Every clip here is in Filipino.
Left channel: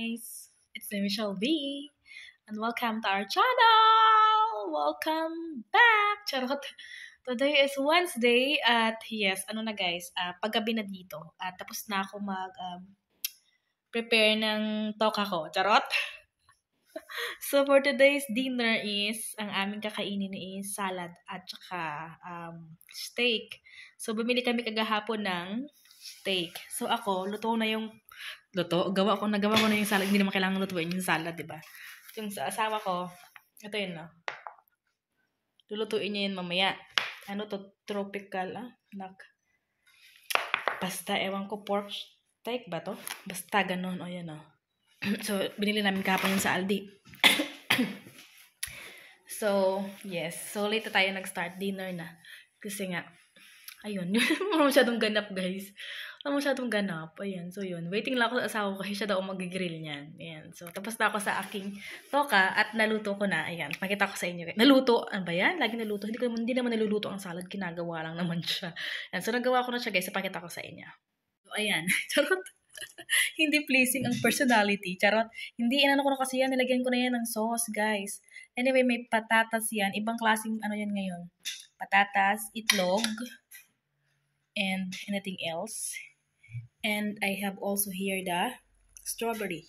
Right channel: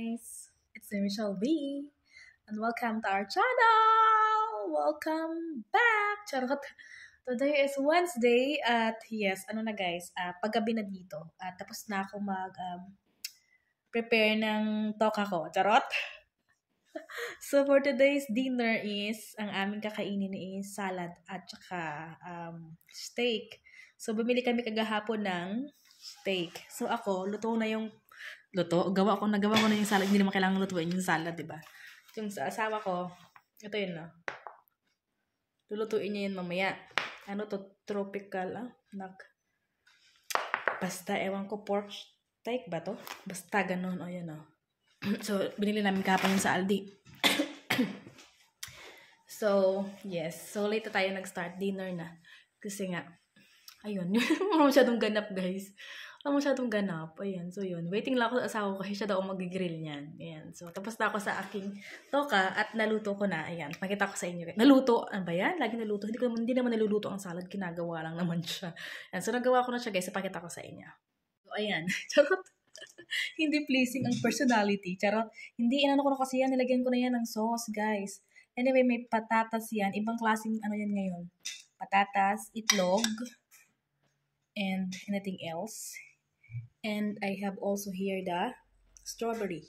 guys, it's me Michelle B and welcome to our channel! Welcome back! Charot! Today is Wednesday at yes, ano na guys, paggabi na dito at tapos na ako prepare ng toka ko. Charot! So for today's dinner is, ang aming kakainin is salad at saka steak. So bumili kami kagahapon ng steak. So ako, nagawa ko na yung salad. Hindi naman kailangan lutuin yung salad, di ba? Yung sa asawa ko, ito yun, no? Lulutuin niya yun mamaya. Ano to? Tropical, basta, ewan ko, pork steak ba to? Basta, ganun. O, yan, So, binili namin kahapon yung sa Aldi. So, yes. So, late tayo nag-start dinner na. Kasi nga, ayun. Wala masyadong ganap, guys. Wala masyadong ganap. Ayan. So, yun. Waiting lang ako sa asawa ko kasi siya daw mag-grill niyan. Ayan. So, tapos na ako sa aking toka at naluto ko na. Ayan. Pakita ko sa inyo. Naluto. Ano ba yan? Lagi naluto. Hindi naman naluluto ang salad. Kinagawa lang naman siya. Ayan. So, nagawa ko na siya, guys. So, pakita ko sa inyo. So, ayan. Charot. Hindi pleasing ang personality. Charot. Hindi, inano ko na kasi yan. Nilagyan ko na yan ng sauce, guys. Anyway, may patatas yan. Ibang klaseng ano yan ngayon. Patatas, itlog, and anything else. And I have also here the strawberry.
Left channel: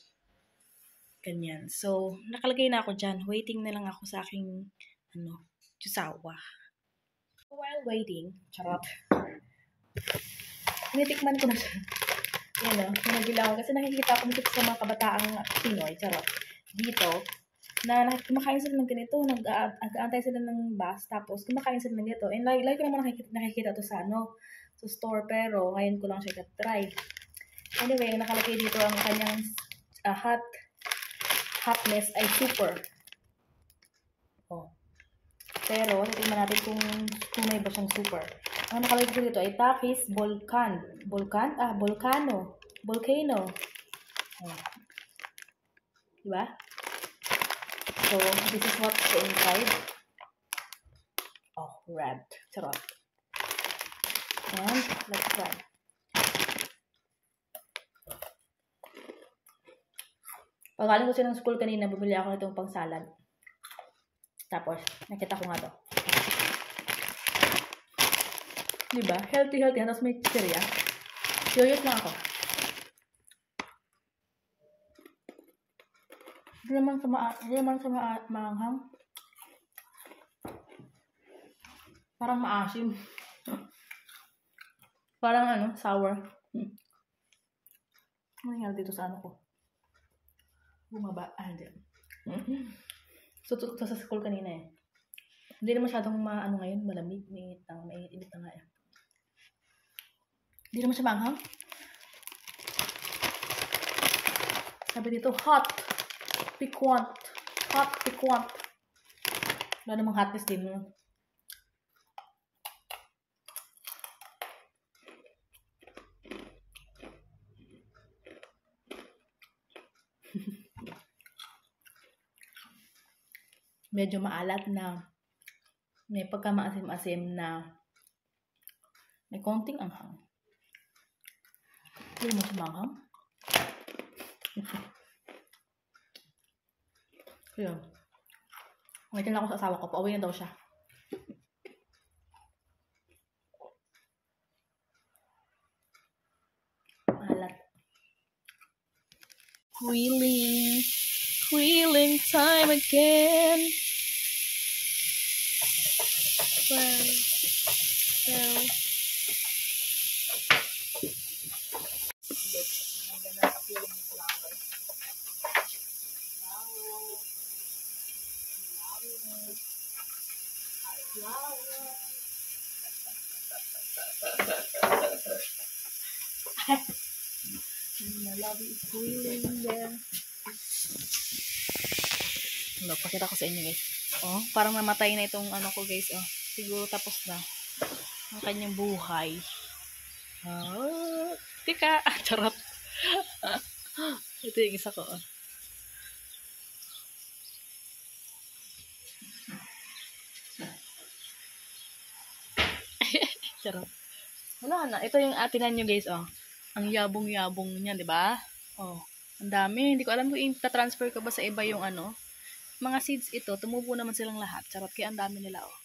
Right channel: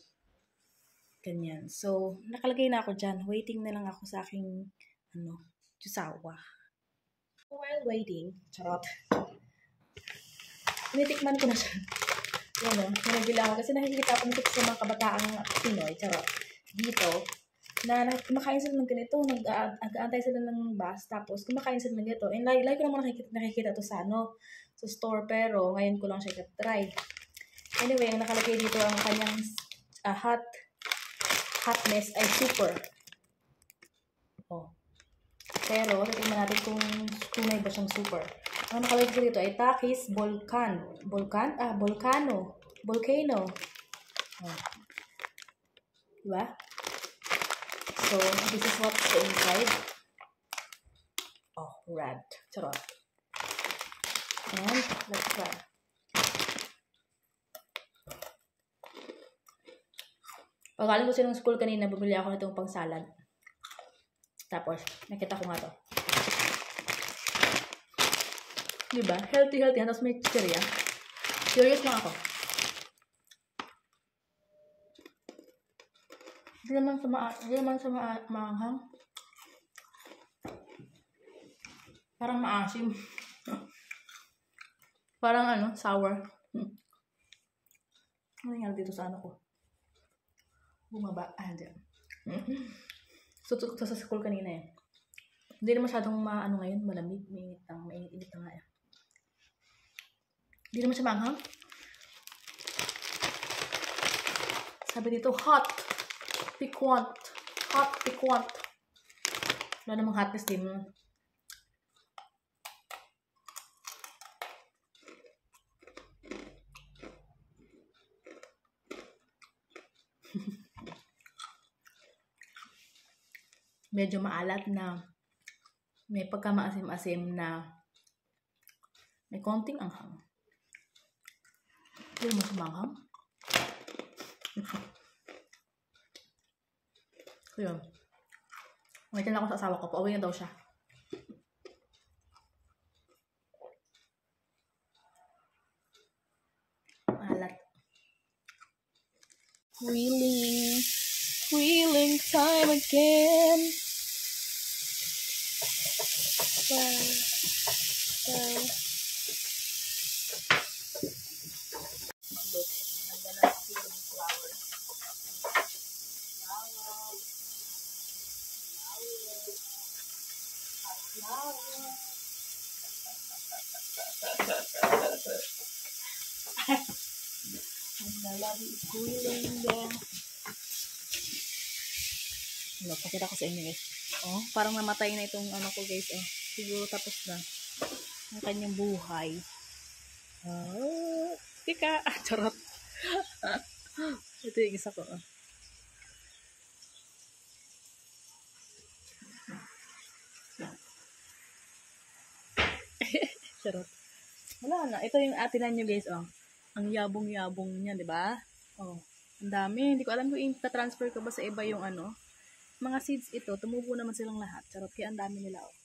Ganyan. So, nakalagay na ako dyan. Waiting na lang ako sa aking, jusawa. While waiting, charot. Tinitikman ko na siya. Yan pinagila ko. Kasi nakikita ko dito sa mga kabataang Pinoy, charot. Dito, na kumakain sila ng ganito, nag-aantay sila ng bus, tapos kumakain sila ng ganito. And like ko naman nakikita to sa sa store, pero ngayon ko lang siya try. Anyway, nakalagay dito ang kanyang hotness ay super. Pero, titingnan natin kung tunay ba siyang super. Ang nakalagay dito ay Takis Volcano. Diba? So, this is what's inside. Red. Charot. And, let's try. Pagaling ko siya ng school kanina, bumili ako nitong pang salad. Tapos, nakita ko nga to. Diba? Healthy. Tapos may chicheria. Curious lang ako. Hindi naman sa maanghang. Parang maasim. Parang sour. Ano dito sa ko? Bumaba. Hindi. So, sa school kanina eh. Hindi na masyadong ngayon, malamig. Mainit na nga eh. Hindi naman siya maanghang. Sabi dito, hot. Piquant. Wala namang hotness din mo. Medyo maalat na may pagkamaasim-asim na may konting anghang. Hindi mo siya maanghang. Kaya, ngayon lang ako sa asawa ko. Pauwi na daw siya. Maalat. Wheeling time again. Well. I'm gonna peel the flower. My love is wheeling there. Pakita ko sa inyo guys. Parang namatay na itong ko guys. Siguro tapos na ang kanyang buhay. Tika. Charot. Ito yung isa ko. Charot. Wala na. Ito yung atinan nyo guys. Ang yabong-yabong niya, di ba? Ang dami. Hindi ko alam kung i-transfer ko ba sa iba yung ano. Mga seeds ito, tumubo naman silang lahat. Charot, kaya ang dami nila, oh.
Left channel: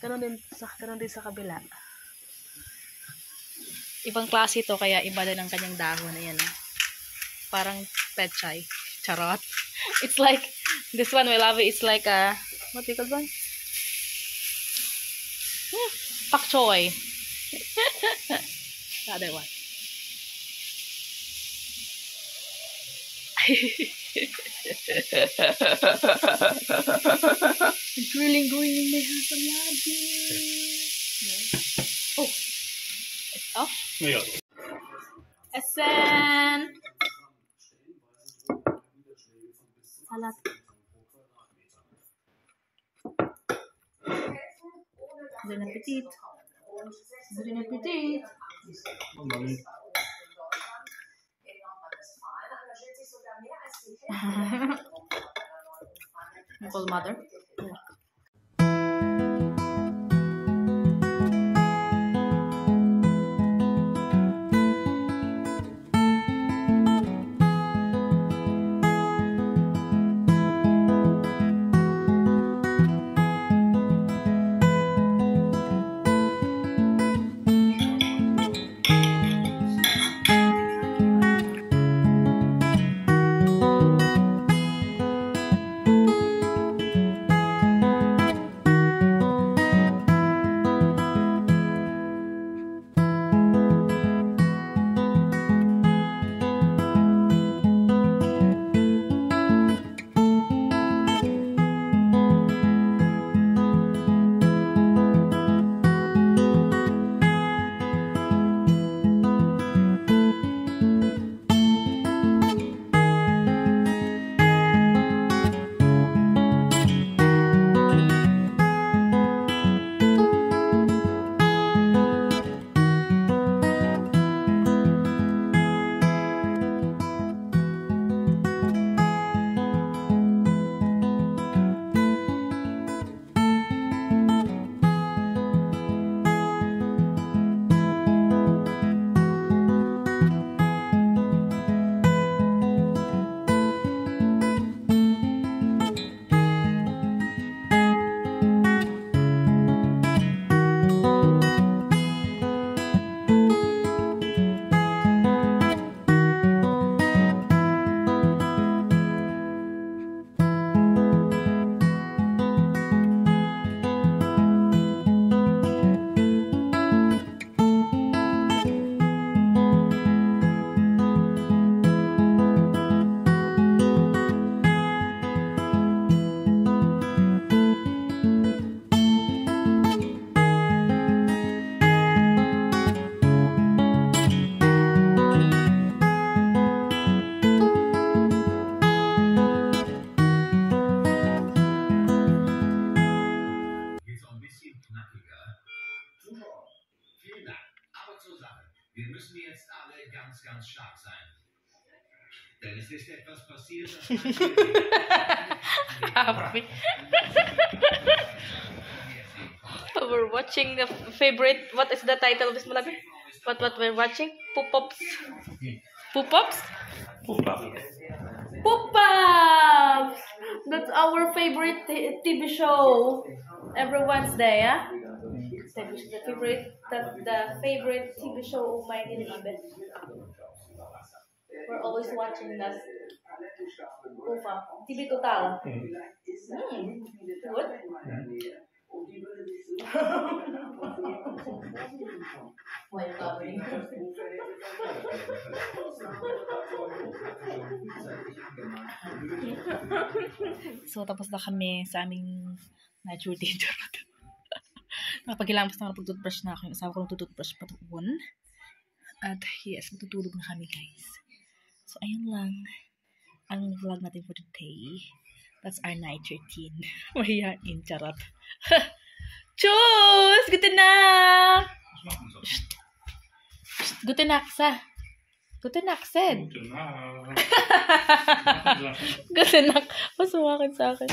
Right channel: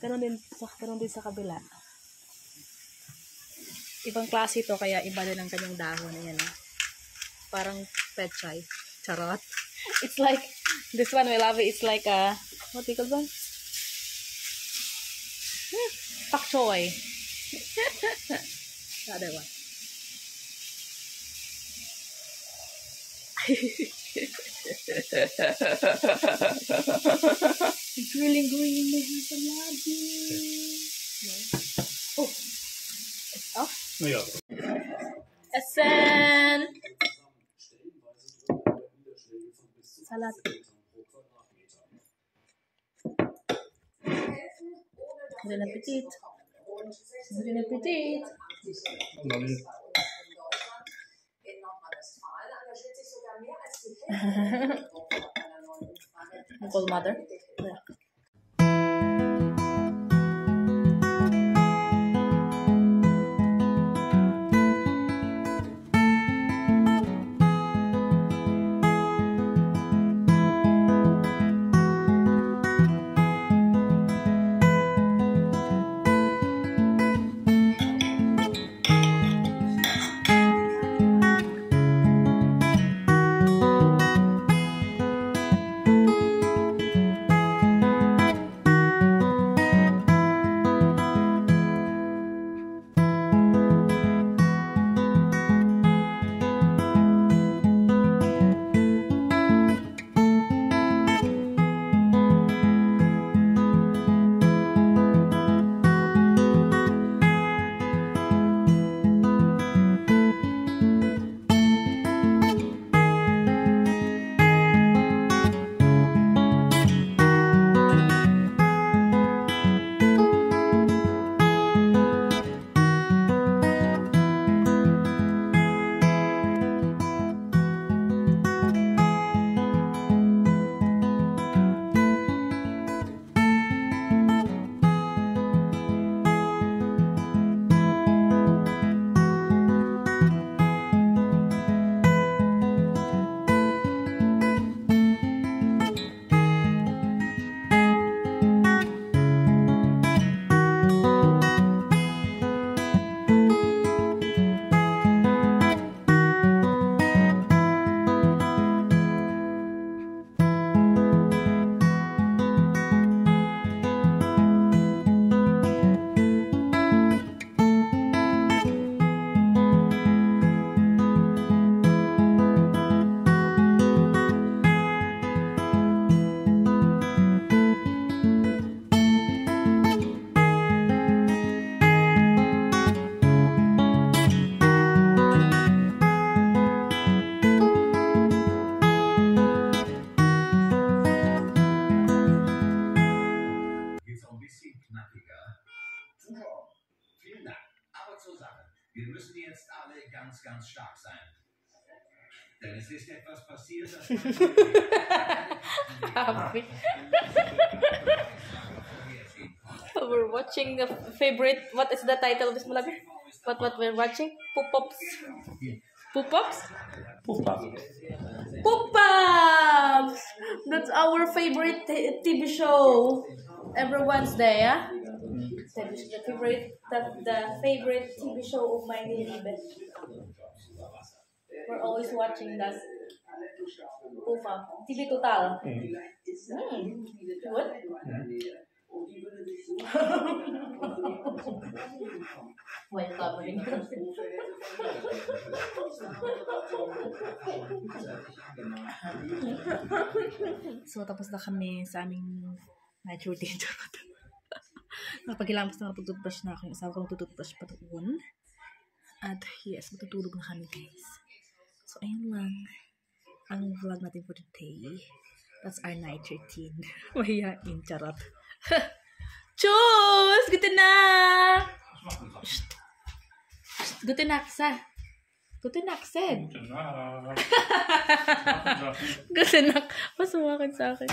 Ganon din sa kabila. Ibang klase ito, kaya iba din ang kanyang dahon. Ayan, oh. Parang pechay. Charot. It's like, this one, we love it. It's like a, what do you call one? Pak choy. The other one. Grilling may handsome lagi. Oh. It's off. Ja. Essen. Salat. Bon appetit. Bon appetit. Nicole mother. Wir müssen jetzt alle ganz, ganz stark sein. Denn es ist etwas passiert, Happy. We're watching the favorite. What is the title of this movie? What we're watching? Poop-Pops. Poop-Pops? Poop-Pops! That's our favorite TV show. Every Wednesday, yeah? The favorite TV show of my Nilibe. We're always watching that. Poop-Up. TV Total. Good? Why you covering? So, tapos na kami sa aming night routine. Nakapagilamos na pag-toothbrush na ako. Yung asawa ko ng toothbrush patuon. At yes, matutulog na kami, guys. So, ayun lang ang vlog natin for today. That's our night routine. Mahihain, charot. Tschüss! Gute Nacht! Gute Nacht, sa. Gute Nacht, Sid. Gute Nacht. Gute Nacht. Masuwakin sa akin.